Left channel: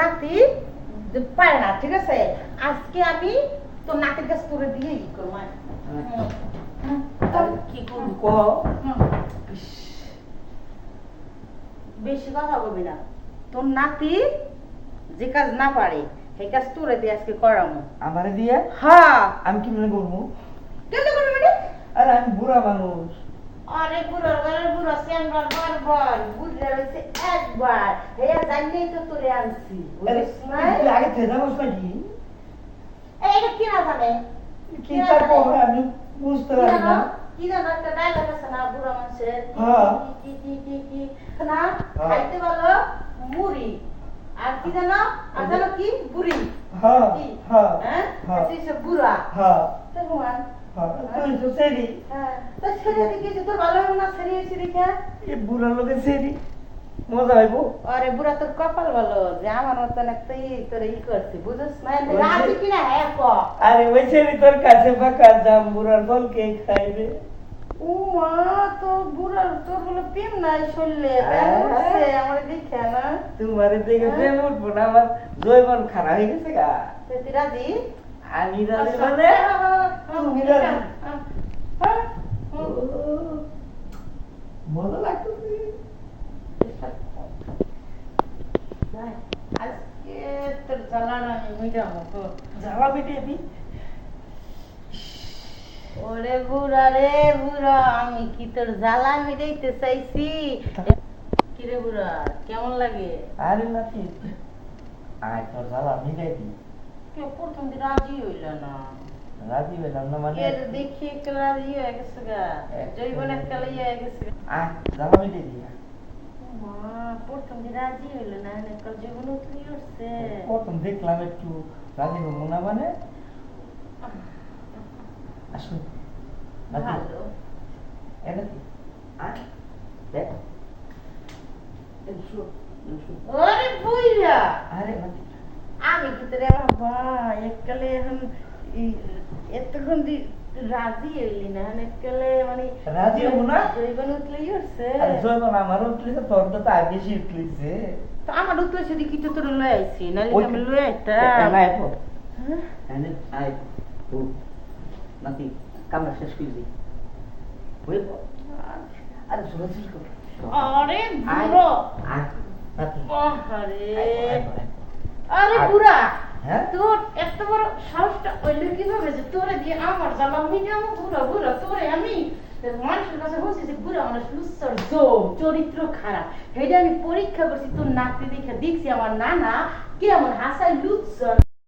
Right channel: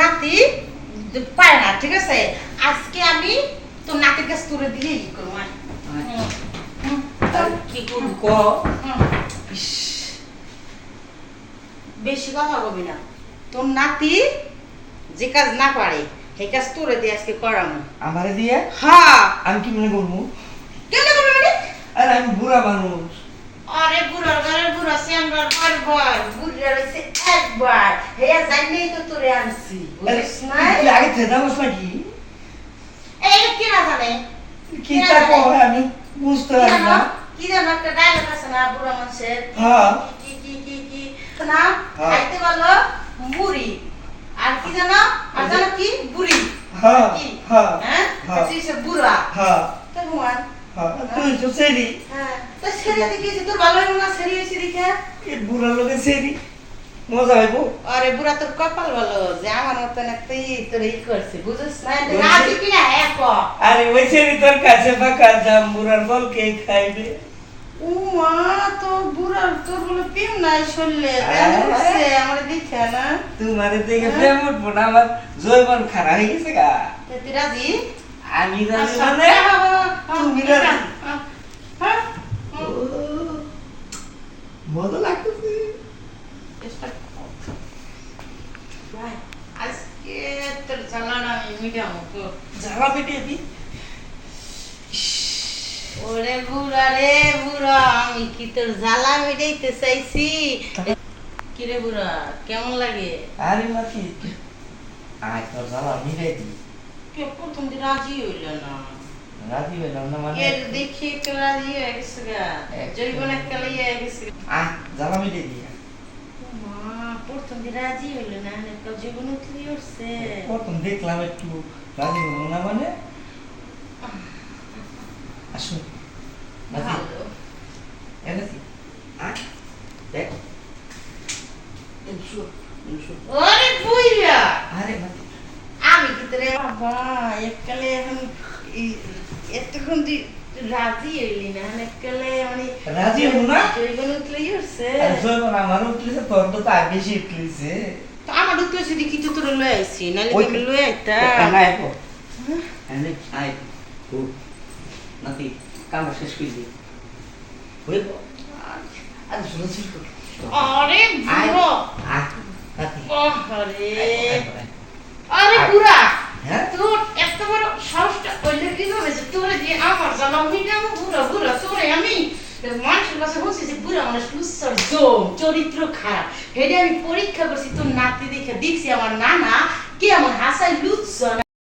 নাতি পায় না, ঠিক আছে? আজকে আমি তোর নাতির কাছে তোরে দিয়ে কি করবো? কি করবি ক? বেশি কথা বলবি না। তোর নাতি যে কাজ না পারে সেই কাজ তোরে দিয়ে আজকে করাবো। আমারে দিয়ে? হ্যাঁ। আমি কি মনে করবো? কেমনে করবি মানে? আরে আমি বুড়া মানুষ। আরে বুড়ার ঘরে বুড়া শ্যামরার বারবার বুড়লে রয়েছে একবার, হেয়া জানলেই তো তোরে আনছি, বুঝিস না? তুই আগে থেকে জানোস নাকি? এই কি না জানে? কি তারপর আমি বুঝতে পারি না। কি জানো একটা ডায়লগ আছে না বুড়া মানুষের? হ্যাঁ। কি কি কি কি না খাইতে ভালো মুড়ি, আর কি জানো? আর জানো কি? বুড়ি। হ্যাঁ কি? হ্যাঁ হ্যাঁ? হ্যাঁ আচ্ছা বুড়া। হ্যাঁ তো হুমান। হ্যাঁ তুই তো সেরি। হ্যাঁ। তো ছেড়ে দেখেছি তোর ভালো না ছেড়েছি দেখে? এই বুড়ার লোকে সেরি মজা হইব। আরে বুড়া তোর কপাল ভালো যে আমার মতন একটা তোর করছে, বুঝছিস না? রাজি কিনা এক। আরে ওই সেরি তোর কাছে পাকা জাম বুড়ার বল কে খাইবে? ও মা, তো বুড়ার তোর বলে প্রেম নাই শরীরে, দেখছে আমার দেখে না? তোমারে দেখে প্রেম উঠবো না, আমার জৈবন খারাপ হয়ে গেছে গা। তুই রাজি? আমি রাজি মানে তুমি রাজি। মজা লাগতেছে। আজকে তোর জ্বালানা আমি মিটাবো। জ্বালা মিটিয়ে দি। ওরে বুড়া রে বুড়া, আমি কি তোর জ্বালা মিটাইতে চাইছি? কিরে বুড়া কেমন লাগে? আরে নাকি আয় তোর জ্বালা মিটাই দি। কেউ প্রথম দিন রাজি হইল না। রাজি হইলাম না মানে? এর দেখি একটু রাজি হয়ে গেছে গা, জৈবন একটা লইয়া গেছে। আয় জ্বালা মিটাই দি। মা প্রথম দিন রাজি হইল না, একটা জীবন উঠলি উঠছে। প্রথম দেখলাম একটু রাজি হবো না মানে? আসুন নাকি এনেছি আয় দেখ এনশু এনশু ওরে বুইয়া, আরে নাকি আমি কি তোরে বাবা এককালে এখন এতক্ষণ তুই রাজি হইলি না, এককালে মানে রাজি হবো না? জৈবন উঠলি উঠছে। আরে জয়মান আমারও উঠলিছে তোর তো তাই বেশি উঠলিছে। তো আমার উঠতে সেটি কি তো তোরে লয়ে আইছি, নাহলে ওই তো আমি লয়ে আইতাম। না আইবো এনে আয় ও নাতি কামড় শেষ করে দি হইব। আরে শুনো ছিল আরে বুড়ো, আয় নাতি আরে আয় আরে বুড়া, হ্যাঁ তোর এত বড় সাহসটা কইলে কিভাবে যে তোরে দিয়ে আমার জ্বালা মিটাবো? বুড়া বুড়া তোরে আমি মানুষের কাছে বলছি যে বুড়া মানুষ লুচ্ছার জম, চরিত্র খারাপ, হেডে আমি পরীক্ষা করছি তোর নাতি দেখে দেখছি আমার নানা কে আমার হাসাই লুচ্ছ।